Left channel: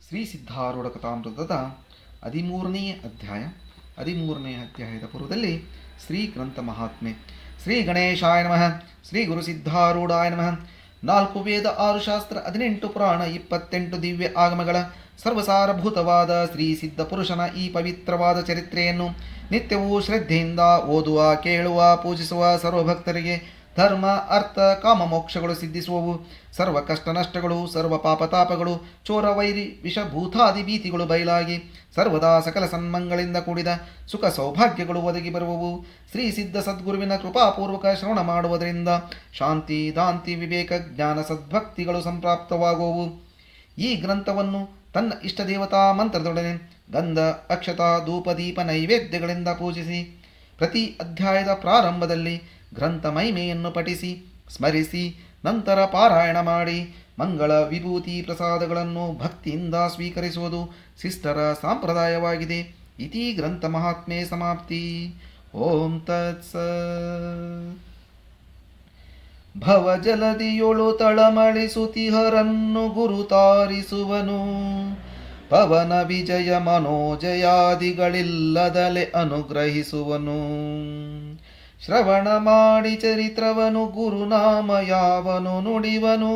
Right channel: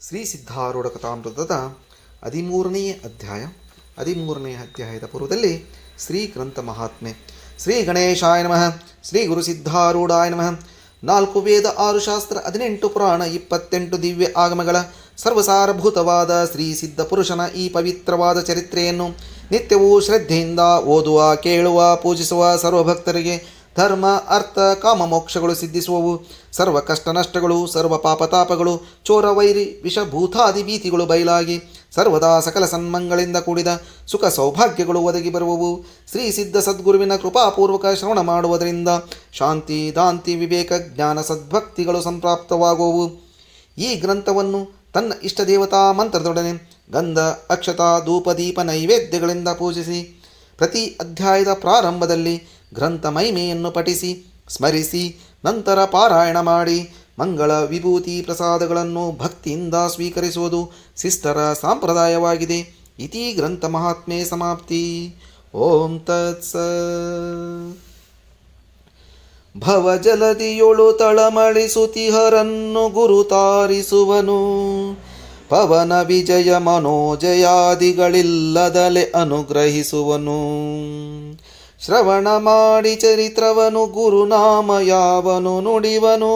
ಶ್ರೀ ಸಿದ್ಧಾರೂಢ ಕಥಾಮೃತದ 13ನೇ ಅಧ್ಯಾಯ. 13ನೇ ಅಧ್ಯಾಯದ ಪೂರ್ವದಲ್ಲಿ ಶ್ರೀ ಗ್ರಂಥ ಮಹಾತ್ಮೆ. ಶ್ರೀ ಗಣೇಶಾಯ ನಮಃ. ಶ್ರೀ ಗುರು ಸಿದ್ಧಾರೂಢಾಯ ನಮಃ. 4 ವೇದ, 6 ಶಾಸ್ತ್ರ, 18 ಪುರಾಣ, 28 ದಿವ್ಯ ಆಗಮಗಳ ಸರ್ವಸಾರಭೂತವಾದ ಶ್ರೀ ಸಿದ್ಧ ಪುರುಷನ ಈ ಪವಿತ್ರವಾದ ಚರಿತ್ರೆಯನ್ನು ನಿತ್ಯವೂ ಶ್ರದ್ಧೆಯಿಂದ ಓದುವ, ಕೇಳುವ, ಪೂಜಿಸುವ ಸರ್ವಭಕ್ತರಿಗೆ ಧರ್ಮ, ಅರ್ಥ, ಕಾಮ, ಮೋಕ್ಷಗಳು ಸಿದ್ಧಿಸುವವು. ಸರ್ವ ಕಷ್ಟ ನಷ್ಟಗಳು, ಸರ್ವ ಪಾಪತಾಪಗಳು, ಚೋರ, ವೈರಿ, ವಿಷಭೂತಾದಿ ಭೀತಿಗಳು ಬಯಲಾಗಿ ಸರ್ವದಾ ಸಕಲ ಸನ್ಮಂಗಳಿಂದ ಕೂಡಿದ ಸುಖ ಸೌಭಾಗ್ಯಗಳು ಒದಗಿ ಬರುವವು. ಶ್ರೀ ಸಿದ್ಧ ಸದ್ಗುರುವಿನ ಕೃಪಾಪೂರ್ವಕ ಶ್ರವಣ ಮಾಡುವುದರಿಂದ ಶಾಂತಿ, ದಾಂತಿ, ವಿವೇಕ, ಜ್ಞಾನ, ಸದ್ಭಕ್ತಿಗಳು ಸಂಪ್ರಾಪ್ತವಾಗುವವು. ಈ ಗ್ರಂಥವನ್ನು ತನ್ನ ಇಷ್ಟ ದೇವತಾ ಮಂತ್ರದೊಡನೆ ಗಂಧ, ಅಕ್ಷತಾ, ಧೂಪ, ದೀಪ, ನೈವೇದ್ಯಗಳಿಂದ ಪೂಜಿಸಿ ಪ್ರತಿ ಅಧ್ಯಾಯದ ಪ್ರಾರಂಭದಲ್ಲಿ ಗ್ರಂಥ ಮಹಿಮೆಯನ್ನು ಪಠಿಸಿ ಸ್ಮರಿಸಿ ನಂತರ ಪಾರಾಯಣ ಮಾಡಿ ಮಂಗಳ, ವಿಭೂತಿ, ಪ್ರಸಾದಗಳನ್ನು ಭಕ್ತಿಯಿಂದ ಸ್ವೀಕರಿಸುವುದು ಶಿಷ್ಟರ ಸಂಪ್ರದಾಯವಾಗಿದೆ. ಇತಿ ಗ್ರಂಥ ಮಹಾತ್ಮೆ ಸಮಾಪ್ತಿ. ಓಂ ತತ್ಸ. ಭವಜಲದಿಯೊಳು ತಳಮಳಿಸುತಿಹರನ್ನು ಗುರು ತಾರಿಸುವನು. ಪವನ ವಿಜಯ ಮನೋಜಯಾದಿಗಳಿಲ್ಲದಲೆ ಅನುಗ್ರಹಿಸುವನು. ಶ್ರವಣ ಮಾಡಿ ಚರಿತ್ರವನು ಗುರುನಾಮ ಯಾವನು ನುಡಿವನು.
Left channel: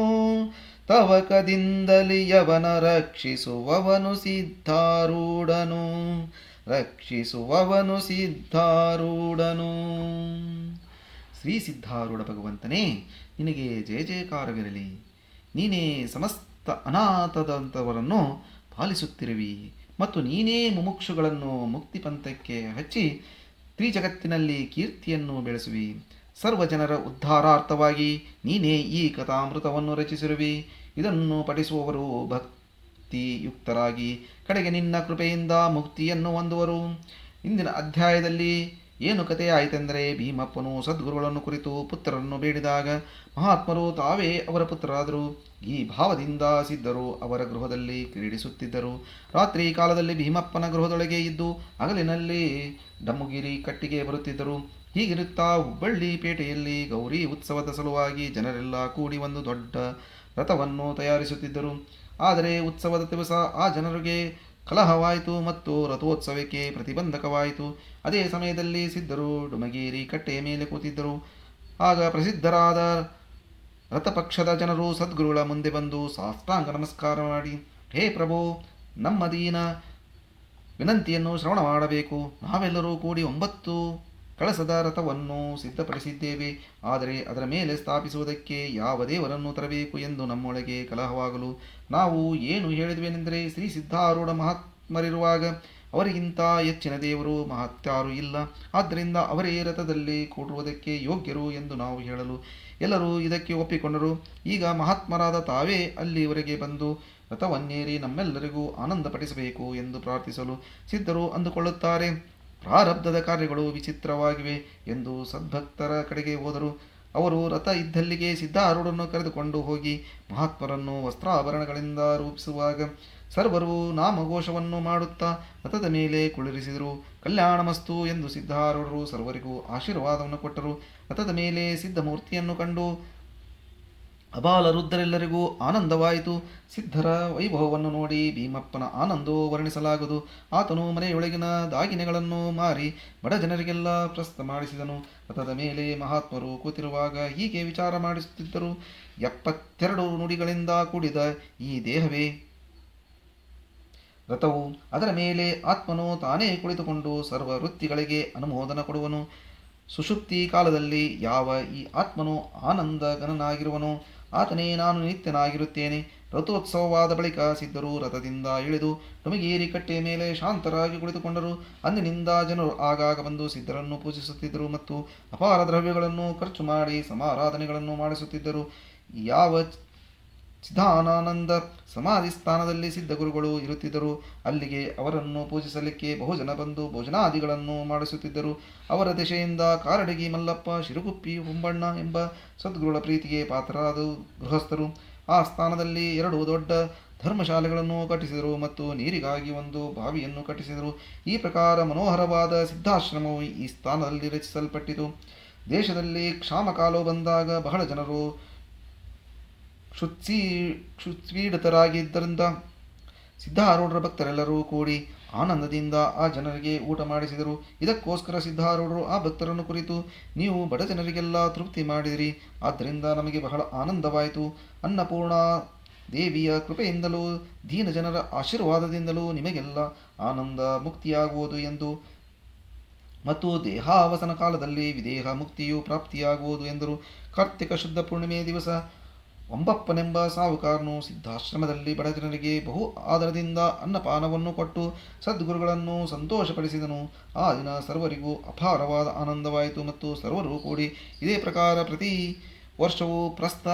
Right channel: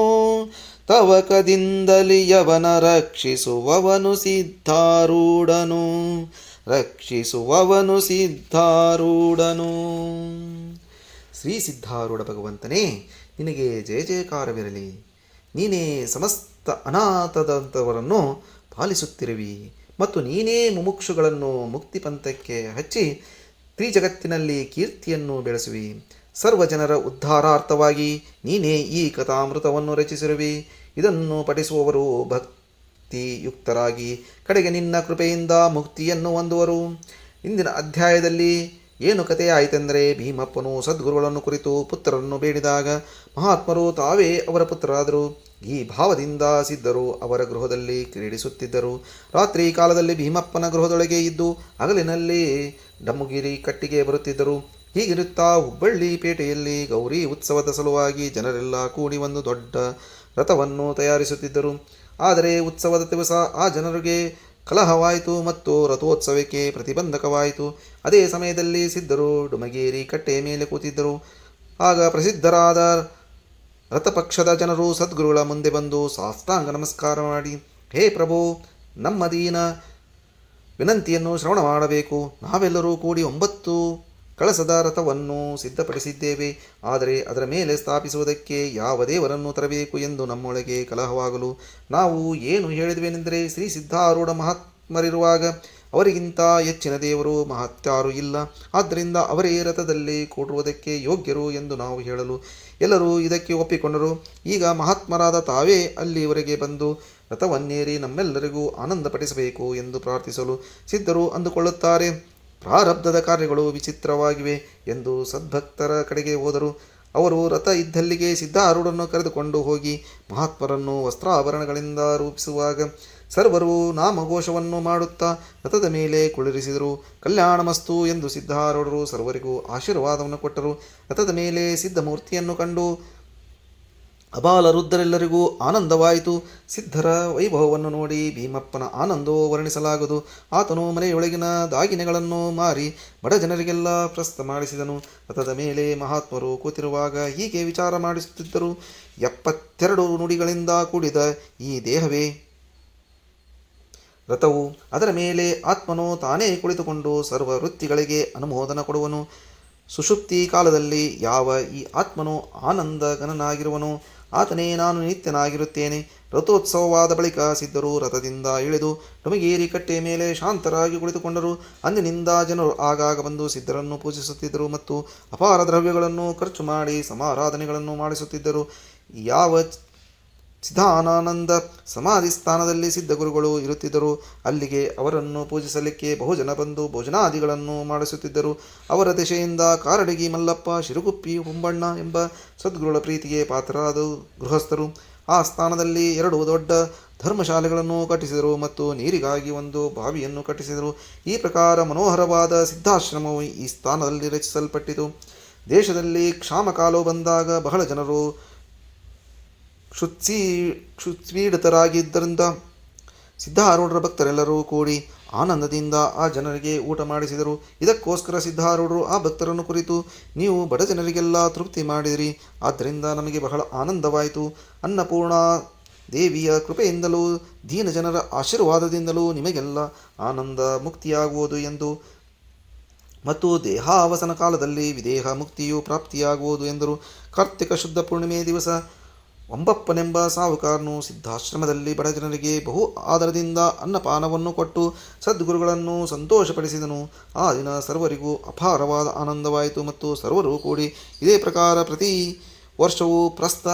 ತವಕದಿಂದಲಿ ಯವನ ರಕ್ಷಿಸುವವನು ಸಿದ್ಧಾರೂಢನು. ರಕ್ಷಿಸುವವನು ಸಿದ್ಧಾರೂಢನು. ಶ್ರೀ ಸಿದ್ಧಾರೂಢ ಭಗವಂತನೇ, ನಿನಗೆ ಜಯ ಜಯಕಾರವಿರಲಿ. ನೀನೇ ಸಮಸ್ತ ಅನಾಥದಂಥವರನ್ನು ಪಾಲಿಸುತ್ತಿರುವಿ ಮತ್ತು ನೀನೇ ಮುಮುಕ್ಷುಗಳನ್ನು ಮುಕ್ತಿ ಪಂಥಕ್ಕೆ ಹಚ್ಚಿ ತ್ರಿಜಗತ್ತಿನಲ್ಲಿ ಕೀರ್ತಿಯನ್ನು ಬೆಳೆಸುವಿ. ಸರ್ವಜನರ ಉದ್ಧಾರಾರ್ಥವಾಗಿ ನೀನೇ ಈ ಕಥಾಮೃತವನ್ನು ರಚಿಸಿರುವಿ. ಇದನ್ನು ಪಠಿಸುವವರು ಭಕ್ತಿಯುಕ್ತರಾಗಿ ಕಡೆಗೆ ನಿನ್ನ ಕೃಪೆಯಿಂದ ಮುಕ್ತಿಯನ್ನು ಹೊಂದುವರು. ಇಂದಿನ ಅಧ್ಯಾಯದಲ್ಲಿ ಏನು ಕಥೆ ಆಯಿತೆಂದರೆ, ಭೀಮಪ್ಪನು ಸದ್ಗುರುಗಳನ್ನು ಕುರಿತು ಪುತ್ರರನ್ನು ಬೇಡಿದಾಗ ಮಹಾತ್ಮರು ತಾವೇ ಅವರ ಪುತ್ರರಾದರು. ಈ ಭಾವದಿಂದ ಸಿದ್ಧರು ಅವರ ಗೃಹದಲ್ಲಿ ಕ್ರೀಡಿಸುತ್ತಿದ್ದರು. ರಾತ್ರಿ ಕಾಲದಲ್ಲಿ ಭೀಮಪ್ಪನ ಗೃಹದೊಳಗೆ ಇದ್ದು ಹಗಲಿನಲ್ಲಿ ಡಮ್ಮುಗಿರಿ ಕಟ್ಟಿಗೆ ಬರುತ್ತಿದ್ದರು. ಹೀಗಿರುತ್ತಾ ಹುಬ್ಬಳ್ಳಿ ಪೇಟೆಯಲ್ಲಿ ಗೌರಿ ಉತ್ಸವದ ಸಲುವಾಗಿ ಜನರೆಲ್ಲ ಕೂಡಿ ಒಂದು ದೊಡ್ಡ ರಥವನ್ನು ತಯಾರಿಸುತ್ತಿದ್ದರು. ಆದರೆ ಉತ್ಸವದ ದಿವಸ ಆ ಜನರಿಗೆ ಕಲಹವಾಯಿತು ಮತ್ತು ರಥೋತ್ಸವಕ್ಕೆ ಪ್ರತಿಬಂಧಕವಾಯಿತು. ಅದೇ ಸಮಯದಲ್ಲಿ ಸಿದ್ಧರು ಡುಮಗೇರಿ ಕಟ್ಟೆಯ ಮೇಲೆ ಕೂತಿದ್ದರು. ಆಗ ಪ್ರಸಿದ್ಧರಾದ ರಥಪಕ್ಷದ ಜನರು ಸದ್ಗುರುಗಳ ಮುಂದೆ ಬಂದು ಸಾಷ್ಟಾಂಗ ನಮಸ್ಕಾರ ಮಾಡಿ, ಹೇ ಪ್ರಭು, ನಮ್ಮ ದೀನ ವಿನಂತಿಯನ್ನು ಶ್ರವಣ ಮಾಡಬೇಕು. ನಾವೆಲ್ಲರೂ ಕೂಡಿ 9 ಕಳಸದ ರಥವನ್ನು ಸಿದ್ಧಪಡಿಸಿದ್ದೇವೆ. ಆದರೆ ಅದರ ಮೇಲೆ ಸ್ಥಾಪಿಸುವುದಕ್ಕೆ ಯಾವ ದೇವರನ್ನು ತರಬೇಕು ಎಂದು ನಮ್ಮೊಳಗೆ ಕಲಹವಾಗಲು ನಾವು ಏನು ಹೇಳಿದ್ವೇನೆಂದರೆ, ಶ್ರೀ ಸಿದ್ಧಾರೂಢ ಮಹಾತ್ಮರಿರುವಾಗ ಅವರಿಗಿಂತ ಹೆಚ್ಚಿನ ದೇವರು ಮಹತ್ಯಾರೂ ಇಲ್ಲ. ಆದ್ದರಿಂದ ಅವರೇ ರಥದಲ್ಲಿ ಕೂಡುವುದಕ್ಕೆ ಯೋಗ್ಯರು ಎಂದು ನಾವು ಹೇಳಲು ಎಲ್ಲರೂ ಇದಕ್ಕೆ ಒಪ್ಪಿಕೊಂಡರು. ಈಗ ಮಹಾತ್ಮರಾದ ತಾವೇ ಅಲ್ಲಿವರೆಗೆ ಬಂದು ರಥವನ್ನೇರಿ ನಮ್ಮೆಲ್ಲರಿಗೂ ಆನಂದಪಡಿಸಬೇಕು ಎಂದು ಪ್ರಾರ್ಥಿಸಲು ಸಿದ್ಧರು ಅಂದುಕೊಳ್ಳುತ್ತಾರೆ. ಪ್ರಾರಬ್ಧದ ಕಾರ್ಯಗಳು ವಿಚಿತ್ರವಾಗಿವೆ ಎಂದು ಸದ್ಭಕ್ತರ ಕಡೆಗೆ ಹೋದರು. ಅವರು ರಥ ಇದ್ದಲ್ಲಿಗೆ ಸಿದ್ಧಾರೂಢನ್ನು ಕರೆದುಕೊಂಡು ಹೋಗಿ ಮಹಾತ್ಮರನ್ನು ವಸ್ತ್ರಾಭರಣಗಳಿಂದ ರೂಪಿಸುವಾಗ ಸರ್ವರು ನಾಮಘೋಷವನ್ನು ಮಾಡುತ್ತಾ ರಥದ ಮೇಲೆ ಕುಳ್ಳಿರಿಸಿದರು. ಕಲ್ಯಾಣಮಸ್ತು ಎಂದು ಸಿದ್ಧಾರೂಢರು ಸರ್ವರಿಗೂ ಆಶೀರ್ವಾದವನ್ನು ಕೊಟ್ಟರು. ರಥದ ಮೇಲೆ ಸಿದ್ಧಮೂರ್ತಿಯನ್ನು ಕಂಡು ಅಬಾಲವೃದ್ಧರೆಲ್ಲರಿಗೂ ಆನಂದವಾಯಿತು. ಸಿದ್ಧರ ವೈಭವವನ್ನು ನೋಡಿ ಭೀಮಪ್ಪನ ಆನಂದವೂ ವರ್ಣಿಸಲಾಗದು. ಆತನು ಮನೆಯೊಳಗಿನ ದಾಗಿನೆಗಳನ್ನು ಮಾರಿ ಬಡ ಜನರಿಗೆಲ್ಲ ಪ್ರಸ್ತ ಮಾಡಿಸಿದನು. ರಥದ ಮೇಲೆ ಮಹಾತ್ಮರು ಕೂತಿರುವಾಗ ಹೀಗೆ ವಿಚಾರ ಮಾಡಿಸುತ್ತಿದ್ದರು. 72 ನುಡಿಗಳಿಂದ ಕೂಡಿದ ಈ ದೇಹವೇ ರಥವು. ಅದರ ಮೇಲೆ ಆತ್ಮನು ತಾನೇ ಕುಳಿತುಕೊಂಡು ಸರ್ವ ವೃತ್ತಿಗಳಿಗೆ ಅನುಮೋದನ ಕೊಡುವನು. ಸುಷುಪ್ತಿ ಕಾಲದಲ್ಲಿ ಯಾವ ಈ ಆತ್ಮನು ಆನಂದಗನನಾಗಿರುವನು, ಆತನೇ ನಾನು ನಿತ್ಯನಾಗಿರುತ್ತೇನೆ. ರಥೋತ್ಸವವಾದ ಬಳಿಕ ಸಿದ್ಧರು ರಥದಿಂದ ಇಳಿದು ಡುಮಗೇರಿ ಕಟ್ಟೆಯ ಮೇಲೆ ಶಾಂತರಾಗಿ ಕುಳಿತುಕೊಂಡರು. ಅಂದಿನಿಂದ ಜನರು ಆಗಾಗ ಬಂದು ಸಿದ್ಧರನ್ನು ಪೂಜಿಸುತ್ತಿದ್ದರು ಮತ್ತು ಅಪಾರ ದ್ರವ್ಯಗಳನ್ನು ಖರ್ಚು ಮಾಡಿ ಸಮಾರಾಧನೆಗಳನ್ನು ಮಾಡಿಸುತ್ತಿದ್ದರು. ಯಾವ ಸಿದ್ಧಾನಂದ ಸಮಾಧಿ ಸ್ಥಾನದಲ್ಲಿ ಸಿದ್ಧಗುರುಗಳು ಇರುತ್ತಿದ್ದರು, ಅಲ್ಲಿಗೆ ಅವರನ್ನು ಪೂಜಿಸಲಿಕ್ಕೆ ಬಹುಜನ ಬಂದು ಭೋಜನಾದಿಗಳನ್ನು ಮಾಡಿಸುತ್ತಿದ್ದರು. ಅವರ ದಿಶೆಯಿಂದ ಕಾರಡಗಿ ಮಲ್ಲಪ್ಪ, ಶಿರುಗುಪ್ಪಿ, ಹುಂಬಣ್ಣ ಎಂಬ ಸದ್ಗುರುಗಳ ಪ್ರೀತಿಗೆ ಪಾತ್ರರಾದ ಗೃಹಸ್ಥರು ಆ ಸ್ಥಾನದಲ್ಲಿ 2 ದೊಡ್ಡ ಧರ್ಮಶಾಲೆಗಳನ್ನು ಕಟ್ಟಿಸಿದರು ಮತ್ತು ನೀರಿಗಾಗಿ ಒಂದು ಬಾವಿಯನ್ನು ಕಟ್ಟಿಸಿದರು. ಈ ಪ್ರಕಾರ ಮನೋಹರವಾದ ಸಿದ್ಧಾಶ್ರಮವು ಈ ಸ್ಥಾನದಲ್ಲಿ ರಚಿಸಲ್ಪಟ್ಟಿತು. ದೇಶದಲ್ಲಿ ಕ್ಷಾಮಕಾಲವು ಬಂದಾಗ ಬಹಳ ಜನರು ಕ್ಷುತ್ಪೀಡಿತರಾಗಿದ್ದರಿಂದ ಸಿದ್ಧಾರೂಢರ ಭಕ್ತರೆಲ್ಲರೂ ಕೂಡಿ ಆನಂದದಿಂದ ಆ ಜನರಿಗೆ ಊಟ ಮಾಡಿಸಿದರು. ಇದಕ್ಕೋಸ್ಕರ ಸಿದ್ಧಾರೂಢರು ಆ ಭಕ್ತರನ್ನು ಕುರಿತು, ನೀವು ಬಡ ಜನರಿಗೆಲ್ಲ ತೃಪ್ತಿ ಮಾಡಿದಿರಿ, ಆದ್ದರಿಂದ ನಮಗೆ ಬಹಳ ಆನಂದವಾಯಿತು. ಅನ್ನಪೂರ್ಣ ದೇವಿಯ ಕೃಪೆಯಿಂದಲೂ ದೀನ ಜನರ ಆಶೀರ್ವಾದದಿಂದಲೂ ನಿಮಗೆಲ್ಲ ಆನಂದ ಮುಕ್ತಿಯಾಗುವುದು ಎಂದು ಮತ್ತು ದೇಹಾವಸನ ಕಾಲದಲ್ಲಿ ವಿದೇಹ ಮುಕ್ತಿಯು ಪ್ರಾಪ್ತಿಯಾಗುವುದು ಎಂದರು. ಕಾರ್ತಿಕ ಶುದ್ಧ ಪೂರ್ಣಿಮೆ ದಿವಸ ಒಂಬಪ್ಪನೆಂಬ ಸಾಹುಕಾರನು ಸಿದ್ಧಾಶ್ರಮದಲ್ಲಿ ಬಡ ಜನರಿಗೆ ಬಹು ಆದರದಿಂದ ಅನ್ನಪಾನವನ್ನು ಕೊಟ್ಟು ಸದ್ಗುರುಗಳನ್ನು ಸಂತೋಷಪಡಿಸಿದನು. ಆ ದಿನ ಸರ್ವರಿಗೂ ಅಪಾರವಾದ ಆನಂದವಾಯಿತು ಮತ್ತು ಸರ್ವರೂ ಕೂಡಿ ಇದೇ ಪ್ರಕಾರ ಪ್ರತಿ ವರ್ಷವೂ ಪ್ರಸ್ತ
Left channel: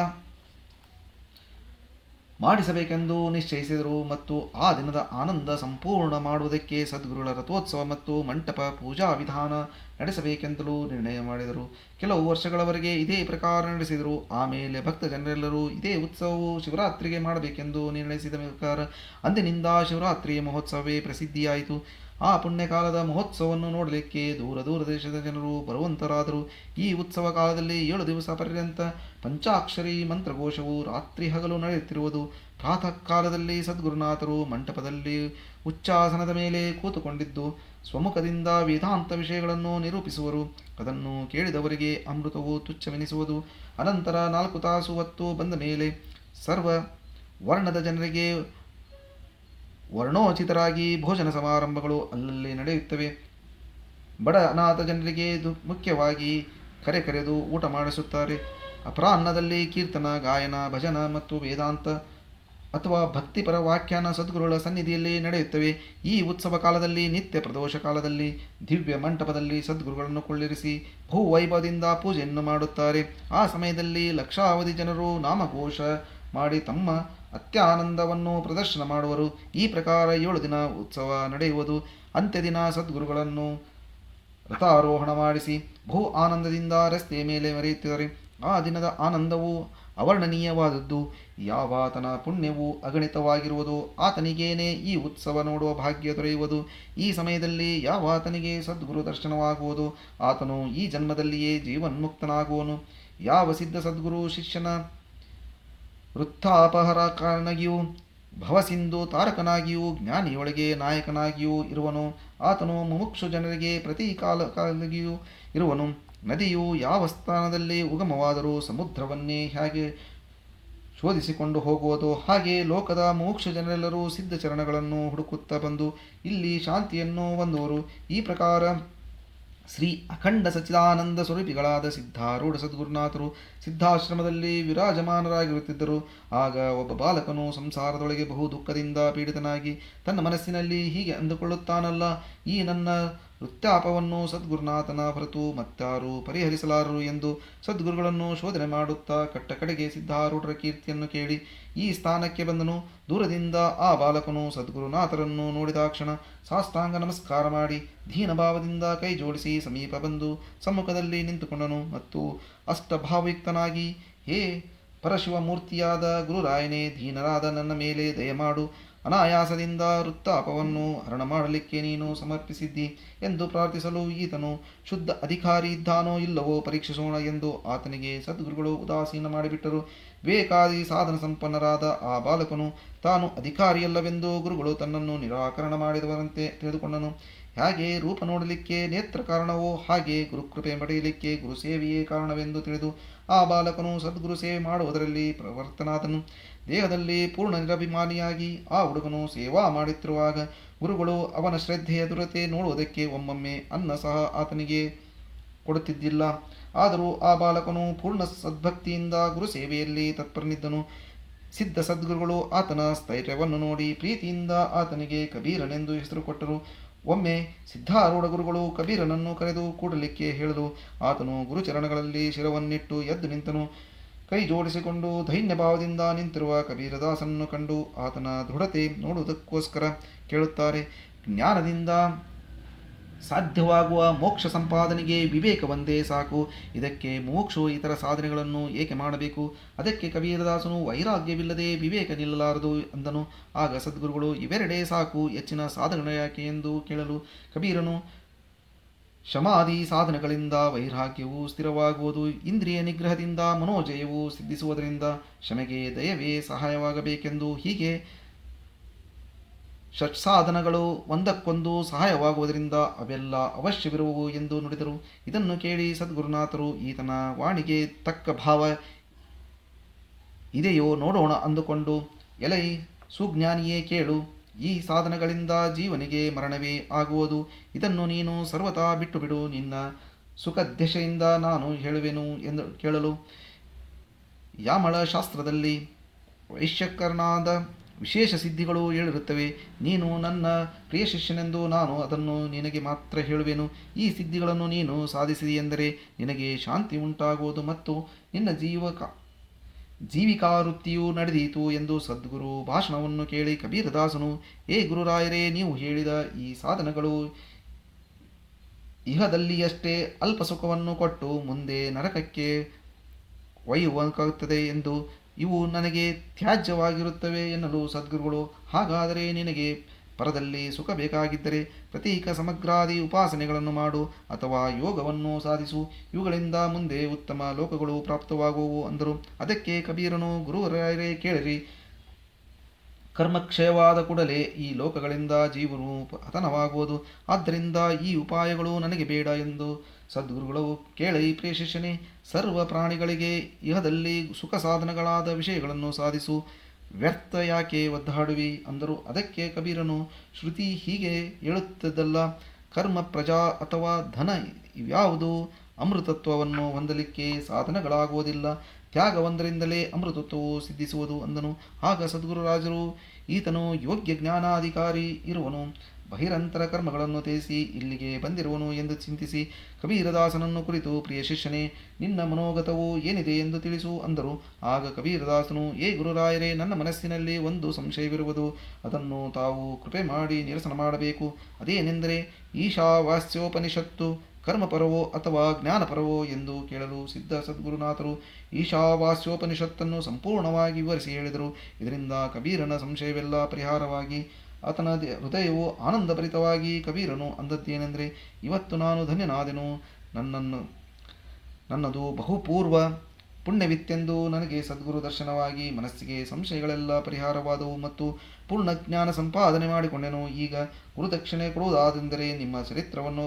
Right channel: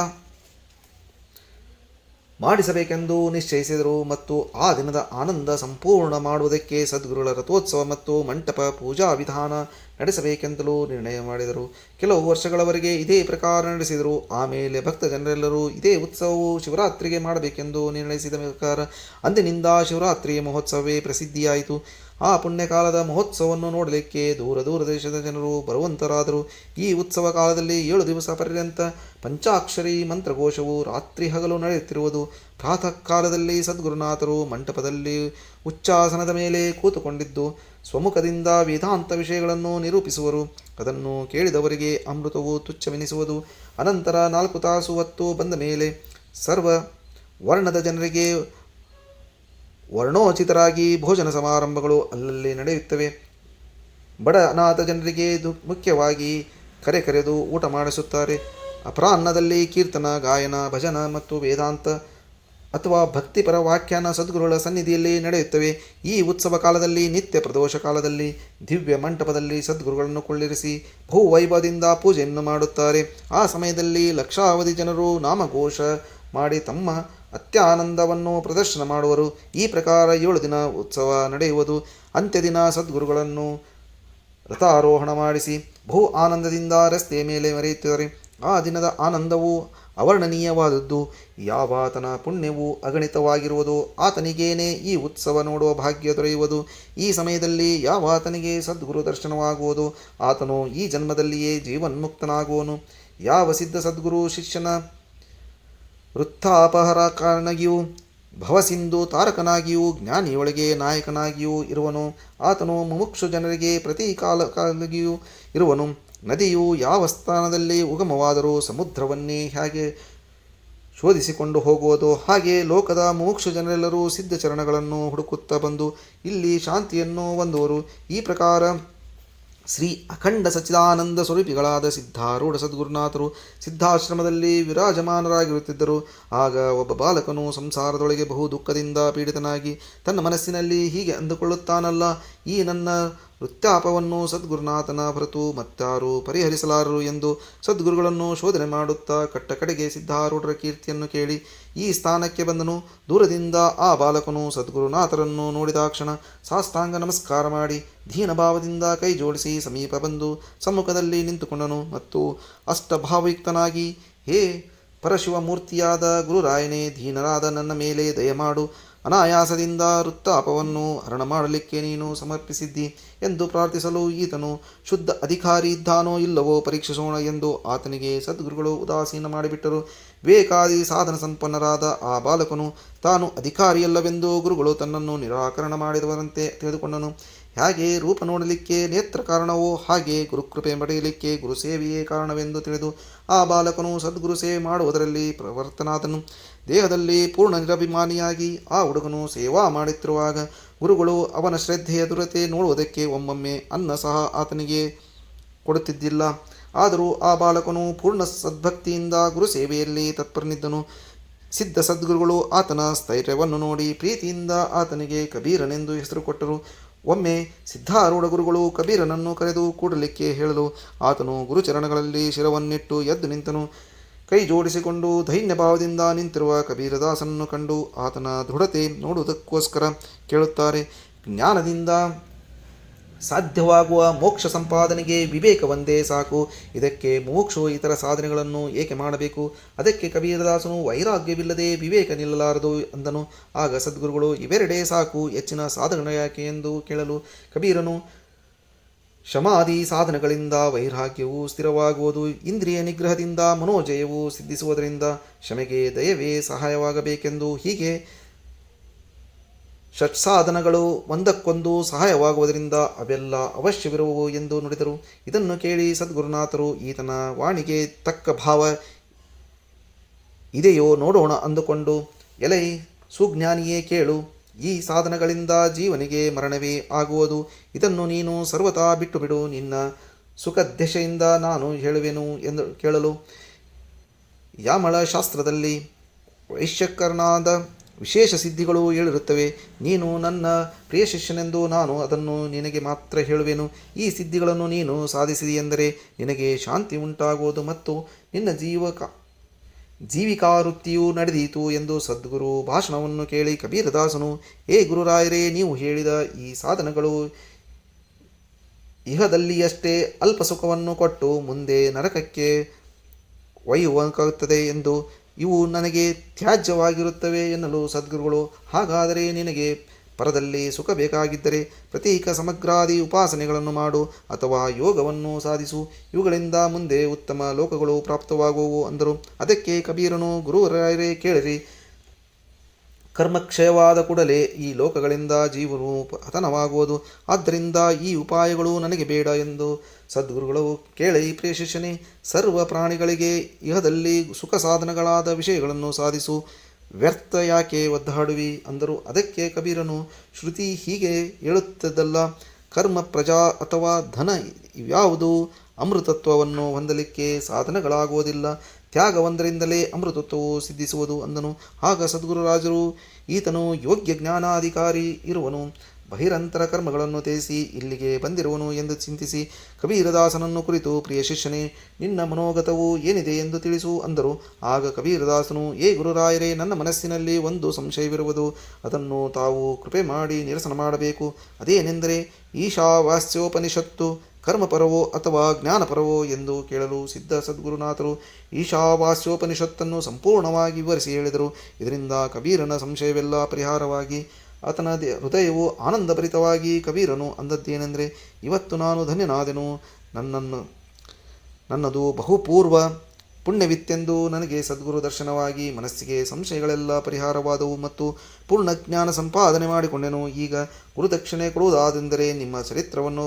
ಮಾಡಿಸಬೇಕೆಂದು ನಿಶ್ಚಯಿಸಿದರು ಮತ್ತು ಆ ದಿನದ ಆನಂದ ಸಂಪೂರ್ಣ ಮಾಡುವುದಕ್ಕೆ ಸದ್ಗುರುಗಳ ರಥೋತ್ಸವ ಮತ್ತು ಮಂಟಪ ಪೂಜಾ ವಿಧಾನ ನಡೆಸಬೇಕೆಂತಲೂ ನಿರ್ಣಯ ಮಾಡಿದರು. ಕೆಲವು ವರ್ಷಗಳವರೆಗೆ ಇದೇ ಪ್ರಕಾರ ನಡೆಸಿದರು. ಆಮೇಲೆ ಭಕ್ತ ಜನರೆಲ್ಲರೂ ಇದೇ ಉತ್ಸವವು ಶಿವರಾತ್ರಿಗೆ ಮಾಡಬೇಕೆಂದು ನಿರ್ಣಯಿಸಿದ ಪ್ರಕಾರ ಅಂದಿನಿಂದ ಶಿವರಾತ್ರಿಯ ಮಹೋತ್ಸವವೇ ಪ್ರಸಿದ್ಧಿಯಾಯಿತು. ಆ ಪುಣ್ಯಕಾಲದ ಮಹೋತ್ಸವವನ್ನು ನೋಡಲಿಕ್ಕೆ ದೂರ ದೂರ ದೇಶದ ಜನರು ಬರುವಂತರಾದರು. ಈ ಉತ್ಸವ ಕಾಲದಲ್ಲಿ 7 ದಿವಸ ಪರ್ಯಂತ ಪಂಚಾಕ್ಷರಿ ಮಂತ್ರಘೋಷವು ರಾತ್ರಿ ಹಗಲು ನಡೆಯುತ್ತಿರುವುದು. ಪ್ರಾತಃ ಕಾಲದಲ್ಲಿ ಸದ್ಗುರುನಾಥರು ಮಂಟಪದಲ್ಲಿ ಉಚ್ಚಾಸನದ ಮೇಲೆ ಕೂತುಕೊಂಡಿದ್ದು ಸ್ವಮುಖದಿಂದ ವೇದಾಂತ ವಿಷಯಗಳನ್ನು ನಿರೂಪಿಸುವರು. ಅದನ್ನು ಕೇಳಿದವರಿಗೆ ಅಮೃತವು ತುಚ್ಛವೆನಿಸುವುದು. ಅನಂತರ 4 ತಾಸು ಹೊತ್ತು ಬಂದ ಮೇಲೆ ಸರ್ವ ವರ್ಣದ ಜನರಿಗೆ ವರ್ಣೋಚಿತರಾಗಿ ಭೋಜನ ಸಮಾರಂಭಗಳು ಅಲ್ಲಲ್ಲಿ ನಡೆಯುತ್ತವೆ. ಬಡ ಅನಾಥ ಜನರಿಗೆ ಮುಖ್ಯವಾಗಿ ಕರೆದು ಊಟ ಮಾಡಿಸುತ್ತಾರೆ. ಅಪರಾಹ್ನದಲ್ಲಿ ಕೀರ್ತನ, ಗಾಯನ, ಭಜನ ಮತ್ತು ವೇದಾಂತ ಅಥವಾ ಭಕ್ತಿಪರ ವ್ಯಾಖ್ಯಾನ ಸದ್ಗುರುಗಳ ಸನ್ನಿಧಿಯಲ್ಲಿ ನಡೆಯುತ್ತವೆ. ಈ ಉತ್ಸವ ಕಾಲದಲ್ಲಿ ನಿತ್ಯ ಪ್ರದೋಷ ಕಾಲದಲ್ಲಿ ದಿವ್ಯ ಮಂಟಪದಲ್ಲಿ ಸದ್ಗುರುಗಳನ್ನು ಕೊಳ್ಳಿರಿಸಿ ಬಹುವೈಭವದಿಂದ ಪೂಜೆಯನ್ನು ಮಾಡುತ್ತಾರೆ. ಆ ಸಮಯದಲ್ಲಿ ಲಕ್ಷಾವಧಿ ಜನರು ನಾಮಘೋಷ ಮಾಡಿ ತಮ್ಮ ಅತ್ಯಾನಂದವನ್ನು ಪ್ರದರ್ಶನ ಮಾಡುವರು. ಈ ಪ್ರಕಾರ 7 ದಿನ ಉತ್ಸವ ನಡೆಯುವುದು. ಅಂತ್ಯದಿನ ಸದ್ಗುರುಗಳನ್ನು ರಥಾರೋಹಣ ಮಾಡಿಸಿ ಬಹು ಆನಂದದಿಂದ ರಸ್ತೆಯ ಮೇಲೆ ಮೆರೆಯುತ್ತಾರೆ. ಆ ದಿನದ ಆನಂದವು ಅವರ್ಣನೀಯವಾದದ್ದು. ಯಾವಾತನ ಪುಣ್ಯವು ಅಗಣಿತವಾಗಿರುವುದೋ ಆತನಿಗೇನೆ ಈ ಉತ್ಸವ ನೋಡುವ ಭಾಗ್ಯ ದೊರೆಯುವುದು. ಈ ಸಮಯದಲ್ಲಿ ಯಾವಾತನಿಗೆ ಸದ್ಗುರು ದರ್ಶನವಾಗುವುದೋ ಆತನು ಈ ಜನ್ಮದಲ್ಲಿಯೇ ಜೀವನ್ಮುಕ್ತನಾಗುವನು. ಯಾವ ಸಿದ್ಧ ಸದ್ಗುರು ಶಿಷ್ಯನ ವೃತ್ತಾಪಹರಕನಾಗಿಯೂ ಭವಸಿಂಧು ತಾರಕನಾಗಿಯೂ ಜ್ಞಾನಿಯೊಳಗೆ ನಾಯಕನಾಗಿಯೂ ಇರುವನು, ಆತನು ಮುಮುಕ್ಷು ಜನರಿಗೆ ಪ್ರತಿ ಕಾಲಕಾಲಿಯೂ ಇರುವನು. ನದಿಯು ಯಾವ ಸ್ಥಾನದಲ್ಲಿ ಉಗಮವಾದರೂ ಸಮುದ್ರವನ್ನೇ ಹೇಗೆ ಶೋಧಿಸಿಕೊಂಡು ಹೋಗುವುದೋ ಹಾಗೆ ಲೋಕದ ಮುಮುಕ್ಷು ಜನರೆಲ್ಲರೂ ಸಿದ್ಧ ಚರಣಗಳನ್ನು ಹುಡುಕುತ್ತಾ ಬಂದು ಇಲ್ಲಿ ಶಾಂತಿಯನ್ನು ಹೊಂದುವರು. ಈ ಪ್ರಕಾರ ಶ್ರೀ ಅಖಂಡ ಸಚ್ಚಿದಾನಂದ ಸ್ವರೂಪಿಗಳಾದ ಸಿದ್ಧಾರೂಢ ಸದ್ಗುರುನಾಥರು ಸಿದ್ಧಾಶ್ರಮದಲ್ಲಿ ವಿರಾಜಮಾನರಾಗಿರುತ್ತಿದ್ದರು. ಆಗ ಒಬ್ಬ ಬಾಲಕನು ಸಂಸಾರದೊಳಗೆ ಬಹು ದುಃಖದಿಂದ ಪೀಡಿತನಾಗಿ ತನ್ನ ಮನಸ್ಸಿನಲ್ಲಿ ಹೀಗೆ ಅಂದುಕೊಳ್ಳುತ್ತಾನಲ್ಲ, ಈ ನನ್ನ ವೃತ್ತಾಪವನ್ನು ಸದ್ಗುರುನಾಥನ ಹೊರತು ಮತ್ತಾರು ಪರಿಹರಿಸಲಾರರು ಎಂದು ಸದ್ಗುರುಗಳನ್ನು ಶೋಧನೆ ಮಾಡುತ್ತಾ ಕಡೆಗೆ ಸಿದ್ಧಾರೂಢರ ಕೀರ್ತಿಯನ್ನು ಕೇಳಿ ಈ ಸ್ಥಾನಕ್ಕೆ ಬಂದನು. ದೂರದಿಂದ ಆ ಬಾಲಕನು ಸದ್ಗುರುನಾಥರನ್ನು ನೋಡಿದಾಕ್ಷಣ ಸಾಷ್ಟಾಂಗ ನಮಸ್ಕಾರ ಮಾಡಿ ದೀನಭಾವದಿಂದ ಕೈ ಜೋಡಿಸಿ ಸಮೀಪ ಬಂದು ಸಮ್ಮುಖದಲ್ಲಿ ನಿಂತುಕೊಂಡನು ಮತ್ತು ಅಷ್ಟಭಾವಯುಕ್ತನಾಗಿ, ಹೇ ಪರಶಿವಮೂರ್ತಿಯಾದ ಗುರುರಾಯನೇ, ದೀನರಾದ ನನ್ನ ಮೇಲೆ ದಯಮಾಡು. ಅನಾಯಾಸದಿಂದ ವೃತ್ತಾಪವನ್ನು ಹರಣ ಮಾಡಲಿಕ್ಕೆ ನೀನು ಸಮರ್ಪಿಸಿದ್ದಿ ಎಂದು ಪ್ರಾರ್ಥಿಸಲು ಈತನು ಶುದ್ಧ ಅಧಿಕಾರಿ ಇದ್ದಾನೋ ಇಲ್ಲವೋ ಪರೀಕ್ಷಿಸೋಣ ಎಂದು ಆತನಿಗೆ ಸದ್ಗುರುಗಳು ಉದಾಸೀನ ಮಾಡಿಬಿಟ್ಟರು. ವಿವೇಕಾದಿ ಸಾಧನ ಸಂಪನ್ನರಾದ ಆ ಬಾಲಕನು ತಾನು ಅಧಿಕಾರಿಯಲ್ಲವೆಂದು ಗುರುಗಳು ತನ್ನನ್ನು ನಿರಾಕರಣ ಮಾಡಿದವರಂತೆ ತಿಳಿದುಕೊಂಡನು. ಹಾಗೆ ರೂಪ ನೋಡಲಿಕ್ಕೆ ನೇತ್ರ ಕಾರಣವೋ ಹಾಗೆ ಗುರುಕೃಪೆ ಪಡೆಯಲಿಕ್ಕೆ ಗುರುಸೇವೆಯೇ ಕಾರಣವೆಂದು ತಿಳಿದು ಆ ಬಾಲಕನು ಸದ್ಗುರು ಸೇವೆ ಮಾಡುವುದರಲ್ಲಿ ಪ್ರವರ್ತನಾದನು. ದೇಹದಲ್ಲಿ ಪೂರ್ಣ ನಿರಭಿಮಾನಿಯಾಗಿ ಆ ಹುಡುಗನು ಸೇವಾ ಮಾಡುತ್ತಿರುವಾಗ ಗುರುಗಳು ಅವನ ಶ್ರದ್ಧೆಯ ದುರತೆ ನೋಡುವುದಕ್ಕೆ ಒಮ್ಮೊಮ್ಮೆ ಅನ್ನ ಸಹ ಆತನಿಗೆ ಕೊಡುತ್ತಿದ್ದಿಲ್ಲ. ಆದರೂ ಆ ಬಾಲಕನು ಪೂರ್ಣ ಸದ್ಭಕ್ತಿಯಿಂದ ಗುರು ಸೇವೆಯಲ್ಲಿ ತತ್ಪರನಿದ್ದನು. ಸಿದ್ಧ ಸದ್ಗುರುಗಳು ಆತನ ಸ್ಥೈರ್ಯವನ್ನು ನೋಡಿ ಪ್ರೀತಿಯಿಂದ ಆತನಿಗೆ ಕಬೀರನೆಂದು ಹೆಸರು ಕೊಟ್ಟರು. ಒಮ್ಮೆ ಸಿದ್ಧಾರೂಢ ಗುರುಗಳು ಕಬೀರನನ್ನು ಕರೆದು ಕೂಡಲಿಕ್ಕೆ ಹೇಳಲು ಆತನು ಗುರುಚರಣಗಳಲ್ಲಿ ಶಿರವನ್ನಿಟ್ಟು ಎದ್ದು ನಿಂತನು. ಕೈ ಜೋಡಿಸಿಕೊಂಡು ದೈನ್ಯಭಾವದಿಂದ ನಿಂತಿರುವ ಕಬೀರದಾಸನನ್ನು ಕಂಡು ಆತನ ದೃಢತೆ ನೋಡುವುದಕ್ಕೋಸ್ಕರ ಕೇಳುತ್ತಾರೆ. ಜ್ಞಾನದಿಂದ ಸಾಧ್ಯವಾಗುವ ಮೋಕ್ಷ ಸಂಪಾದನೆಗೆ ವಿವೇಕ ಒಂದೇ ಸಾಕು. ಇದಕ್ಕೆ ಮುಮುಕ್ಷು ಇತರ ಸಾಧನೆಗಳನ್ನು ಏಕೆ ಮಾಡಬೇಕು? ಅದಕ್ಕೆ ಕಬೀರದಾಸನು ವೈರಾಗ್ಯವಿಲ್ಲದೆ ವಿವೇಕ ನಿಲ್ಲಲಾರದು ಅಂದನು. ಆಗ ಸದ್ಗುರುಗಳು ಇವೆರಡೇ ಸಾಕು, ಹೆಚ್ಚಿನ ಸಾಧನೆ ಯಾಕೆ ಎಂದು ಕೇಳಲು ಕಬೀರನು, ಶಮಾಧಿ ಸಾಧನಗಳಿಂದ ವೈರಾಗ್ಯವು ಸ್ಥಿರವಾಗುವುದು, ಇಂದ್ರಿಯ ನಿಗ್ರಹದಿಂದ ಮನೋಜಯವು ಸಿದ್ಧಿಸುವುದರಿಂದ ಶಮೆಗೆ ದಯವೇ ಸಹಾಯವಾಗಬೇಕೆಂದು ಹೀಗೆ ಷಟ್ಸಾಧನಗಳು ಒಂದಕ್ಕೊಂದು ಸಹಾಯವಾಗುವುದರಿಂದ ಅವೆಲ್ಲ ಅವಶ್ಯವಿರುವವು ಎಂದು ನುಡಿದರು. ಇದನ್ನು ಕೇಳಿ ಸದ್ಗುರುನಾಥರು ಈತನ ವಾಣಿಗೆ ತಕ್ಕ ಭಾವ ಇದೆಯೋ ನೋಡೋಣ ಅಂದುಕೊಂಡು, ಎಲೈ ಸುಜ್ಞಾನಿಯೇ ಕೇಳು, ಈ ಸಾಧನಗಳಿಂದ ಜೀವನಿಗೆ ಮರಣವೇ ಆಗುವುದು. ಇದನ್ನು ನೀನು ಸರ್ವತಾ ಬಿಟ್ಟುಬಿಡು. ನಿನ್ನ ಸುಖದೆಶೆಯಿಂದ ನಾನು ಹೇಳುವೆನು ಎಂದು ಕೇಳಲು, ಯಾಮಳ ಶಾಸ್ತ್ರದಲ್ಲಿ ವೈಶ್ಯಕರನಾದ ವಿಶೇಷ ಸಿದ್ಧಿಗಳು ಹೇಳಿರುತ್ತವೆ. ನೀನು ನನ್ನ ಪ್ರಿಯ ಶಿಷ್ಯನೆಂದು ನಾನು ಅದನ್ನು ನಿನಗೆ ಮಾತ್ರ ಹೇಳುವೆನು. ಈ ಸಿದ್ಧಿಗಳನ್ನು ನೀನು ಸಾಧಿಸಿದೆಯೆಂದರೆ ನಿನಗೆ ಶಾಂತಿ ಉಂಟಾಗುವುದು ಮತ್ತು ನಿನ್ನ ಜೀವಿಕಾವೃತ್ತಿಯು ನಡೆದೀತು ಎಂದು ಸದ್ಗುರು ಭಾಷಣವನ್ನು ಕೇಳಿ ಕಬೀರದಾಸನು, ಏ ಗುರುರಾಯರೇ, ನೀವು ಹೇಳಿದ ಈ ಸಾಧನಗಳು ಇಹದಲ್ಲಿಯಷ್ಟೇ ಅಲ್ಪ ಸುಖವನ್ನು ಕೊಟ್ಟು ಮುಂದೆ ನರಕಕ್ಕೆ ಒಯ್ಯುವಂತಾಗುತ್ತದೆ ಎಂದು ಇವು ನನಗೆ ತ್ಯಾಜ್ಯವಾಗಿರುತ್ತವೆ ಎನ್ನಲು ಸದ್ಗುರುಗಳು, ಹಾಗಾದರೆ ನಿನಗೆ ಪರದಲ್ಲಿ ಸುಖ ಬೇಕಾಗಿದ್ದರೆ ಪ್ರತೀಕ ಸಮಗ್ರಾದಿ ಉಪಾಸನೆಗಳನ್ನು ಮಾಡು ಅಥವಾ ಯೋಗವನ್ನು ಸಾಧಿಸು. ಇವುಗಳಿಂದ ಮುಂದೆ ಉತ್ತಮ ಲೋಕಗಳು ಪ್ರಾಪ್ತವಾಗುವವು ಅಂದರು. ಅದಕ್ಕೆ ಕಬೀರನು, ಗುರುರಾಯರೇ ಕೇಳಿರಿ, ಕರ್ಮಕ್ಷಯವಾದ ಕೂಡಲೇ ಈ ಲೋಕಗಳಿಂದ ಜೀವನು ಪತನವಾಗುವುದು. ಆದ್ದರಿಂದ ಈ ಉಪಾಯಗಳು ನನಗೆ ಬೇಡ ಎಂದು ಸದ್ಗುರುಗಳು ಕೇಳಿ, ಪ್ರಿಯ ಶಿಷ್ಯನೇ, ಸರ್ವ ಪ್ರಾಣಿಗಳಿಗೆ ಇಹದಲ್ಲಿ ಸುಖ ಸಾಧನಗಳಾದ ವಿಷಯಗಳನ್ನು ಸಾಧಿಸು, ವ್ಯರ್ಥ ಯಾಕೆ ಒದ್ದಾಡುವಿ ಅಂದರು. ಅದಕ್ಕೆ ಕಬೀರನು, ಶ್ರುತಿ ಹೀಗೆ ಹೇಳುತ್ತದಲ್ಲ, ಕರ್ಮ, ಪ್ರಜಾ ಅಥವಾ ಧನ ಇವ್ಯಾವುದೂ ಅಮೃತತ್ವವನ್ನು ಹೊಂದಲಿಕ್ಕೆ ಸಾಧನಗಳಾಗುವುದಿಲ್ಲ. ತ್ಯಾಗವೊಂದರಿಂದಲೇ ಅಮೃತತ್ವವು ಸಿದ್ಧಿಸುವುದು ಅಂದನು. ಆಗ ಸದ್ಗುರುರಾಜರು, ಈತನು ಯೋಗ್ಯ ಜ್ಞಾನಾಧಿಕಾರಿ ಇರುವನು, ಬಹಿರಂತರ ಕರ್ಮಗಳನ್ನು ತ್ಯಜಿಸಿ ಇಲ್ಲಿಗೆ ಬಂದಿರುವನು ಎಂದು ಚಿಂತಿಸಿ ಕಬೀರದಾಸನನ್ನು ಕುರಿತು, ಪ್ರಿಯ ಶಿಷ್ಯನೇ, ನಿನ್ನ ಮನೋಗತವು ಏನಿದೆ ಎಂದು ತಿಳಿಸು ಅಂದರು. ಆಗ ಕಬೀರದಾಸನು, ಏ ಗುರುರಾಯರೇ, ನನ್ನ ಮನಸ್ಸಿನಲ್ಲಿ ಒಂದು ಸಂಶಯವಿರುವುದು. ಅದನ್ನು ತಾವು ಕೃಪೆ ಮಾಡಿ ನಿರಸನ ಮಾಡಬೇಕು. ಅದೇನೆಂದರೆ, ಈಶಾವಾಸ್ಯೋಪನಿಷತ್ತು ಕರ್ಮಪರವೋ ಅಥವಾ ಜ್ಞಾನಪರವೋ ಎಂದು ಕೇಳಲು ಸಿದ್ಧ ಸದ್ಗುರುನಾಥರು ಈಶಾವಾಸ್ಯೋಪನಿಷತ್ತನ್ನು ಸಂಪೂರ್ಣವಾಗಿ ವಿವರಿಸಿ ಹೇಳಿದರು. ಇದರಿಂದ ಕಬೀರನ ಸಂಶಯವೆಲ್ಲ ಪರಿಹಾರವಾಗಿ ಆತನ ಹೃದಯವು ಆನಂದಭರಿತವಾಗಿ ಕಬೀರನು ಅಂದದ್ದೇನೆಂದರೆ, ಇವತ್ತು ನಾನು ಧನ್ಯನಾದೆನು. ನನ್ನದು ಬಹುಪೂರ್ವ ಪುಣ್ಯವಿತ್ತೆಂದು ನನಗೆ ಸದ್ಗುರು ದರ್ಶನವಾಗಿ ಮನಸ್ಸಿಗೆ ಸಂಶಯಗಳೆಲ್ಲ ಪರಿಹಾರವಾದವು ಮತ್ತು ಪೂರ್ಣ ಜ್ಞಾನ ಸಂಪಾದನೆ ಮಾಡಿಕೊಂಡೆನು. ಈಗ ಗುರುದಕ್ಷಿಣೆ ಕೊಡುವುದಾದೆಂದರೆ ನಿಮ್ಮ ಚರಿತ್ರವನ್ನು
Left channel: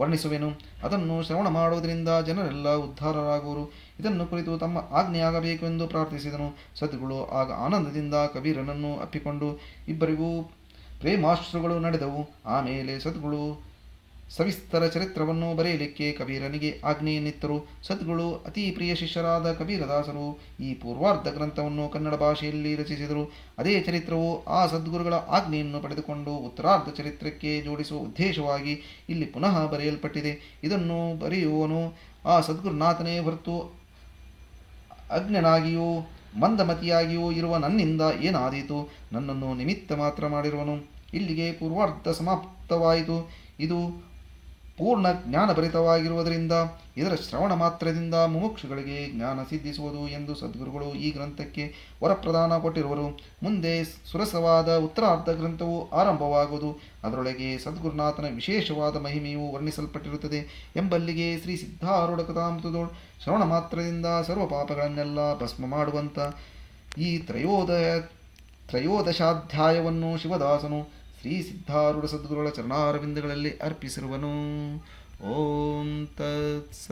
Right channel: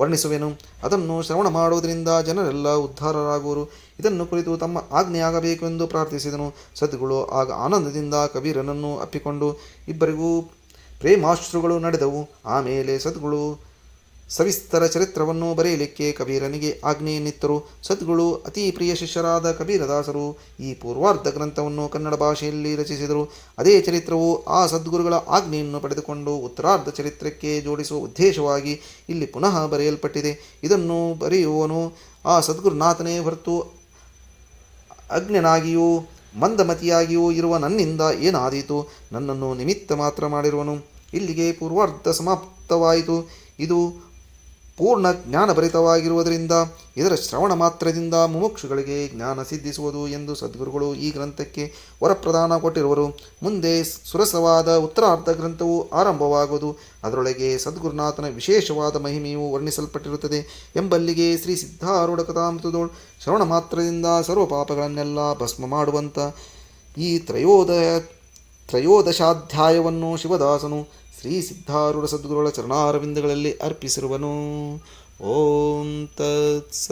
ವರ್ಣಿಸುವೆನು. ಅದನ್ನು ಶ್ರವಣ ಮಾಡುವುದರಿಂದ ಜನರೆಲ್ಲ ಉದ್ಧಾರರಾಗುವರು. ಇದನ್ನು ಕುರಿತು ತಮ್ಮ ಆಜ್ಞೆಯಾಗಬೇಕೆಂದು ಪ್ರಾರ್ಥಿಸಿದನು. ಸದ್ಗುರು ಆಗ ಆನಂದದಿಂದ ಕಬೀರನನ್ನು ಅಪ್ಪಿಕೊಂಡು ಇಬ್ಬರಿಗೂ ಪ್ರೇಮಾಶ್ರುಗಳು ನಡೆದವು. ಆಮೇಲೆ ಸದ್ಗುರು ಸವಿಸ್ತರ ಚರಿತ್ರವನ್ನು ಬರೆಯಲಿಕ್ಕೆ ಕಬೀರನಿಗೆ ಆಜ್ಞೆಯನ್ನಿತ್ತರು. ಸದ್ಗುರು ಅತಿ ಪ್ರಿಯ ಶಿಷ್ಯರಾದ ಕಬೀರದಾಸರು ಈ ಪೂರ್ವಾರ್ಧ ಗ್ರಂಥವನ್ನು ಕನ್ನಡ ಭಾಷೆಯಲ್ಲಿ ರಚಿಸಿದರು. ಅದೇ ಚರಿತ್ರವು ಆ ಸದ್ಗುರುಗಳ ಆಜ್ಞೆಯನ್ನು ಪಡೆದುಕೊಂಡು ಉತ್ತರಾರ್ಧ ಚರಿತ್ರಕ್ಕೆ ಜೋಡಿಸುವ ಉದ್ದೇಶವಾಗಿ ಇಲ್ಲಿ ಪುನಃ ಬರೆಯಲ್ಪಟ್ಟಿದೆ. ಇದನ್ನು ಬರೆಯುವವನು ಆ ಸದ್ಗುರುನಾಥನೇ ಹೊರತು ಅಜ್ಞನಾಗಿಯೂ ಮಂದಮತಿಯಾಗಿಯೂ ಇರುವ ನನ್ನಿಂದ ಏನಾದೀತು? ನನ್ನನ್ನು ನಿಮಿತ್ತ ಮಾತ್ರ ಮಾಡಿರುವನು. ಇಲ್ಲಿಗೆ ಪೂರ್ವಾರ್ಧ ಸಮಾಪ್ತವಾಯಿತು. ಇದು ಪೂರ್ಣ ಜ್ಞಾನಭರಿತವಾಗಿರುವುದರಿಂದ ಇದರ ಶ್ರವಣ ಮಾತ್ರದಿಂದ ಮುಮುಕ್ಷುಗಳಿಗೆ ಜ್ಞಾನ ಸಿದ್ಧಿಸುವುದು ಎಂದು ಸದ್ಗುರುಗಳು ಈ ಗ್ರಂಥಕ್ಕೆ ವರಪ್ರದಾನ ಕೊಟ್ಟಿರುವರು. ಮುಂದೆ ಸುರಸವಾದ ಉತ್ತರಾರ್ಧ ಗ್ರಂಥವು ಆರಂಭವಾಗುವುದು. ಅದರೊಳಗೆ ಸದ್ಗುರುನಾಥನ ವಿಶೇಷವಾದ ಮಹಿಮೆಯು ವರ್ಣಿಸಲ್ಪಟ್ಟಿರುತ್ತದೆ ಎಂಬಲ್ಲಿಗೆ ಶ್ರೀ ಸಿದ್ಧಾರೂಢ ಕಥಾಮೃತದೋಳು ಶ್ರವಣ ಮಾತ್ರದಿಂದ ಸರ್ವ ಪಾಪಗಳನ್ನೆಲ್ಲ ಭಸ್ಮ ಮಾಡುವಂಥ ಈ ತ್ರಯೋದಶಾಧ್ಯಾಯವನ್ನು ಶಿವದಾಸನು ಶ್ರೀ ಸಿದ್ಧಾರೂಢ ಸದ್ಗುರುಗಳ ಚರಣಾರವಿಂದಗಳಲ್ಲಿ ಅರ್ಪಿಸಿರುವನು. ಓಂ ತತ್ಸತ್.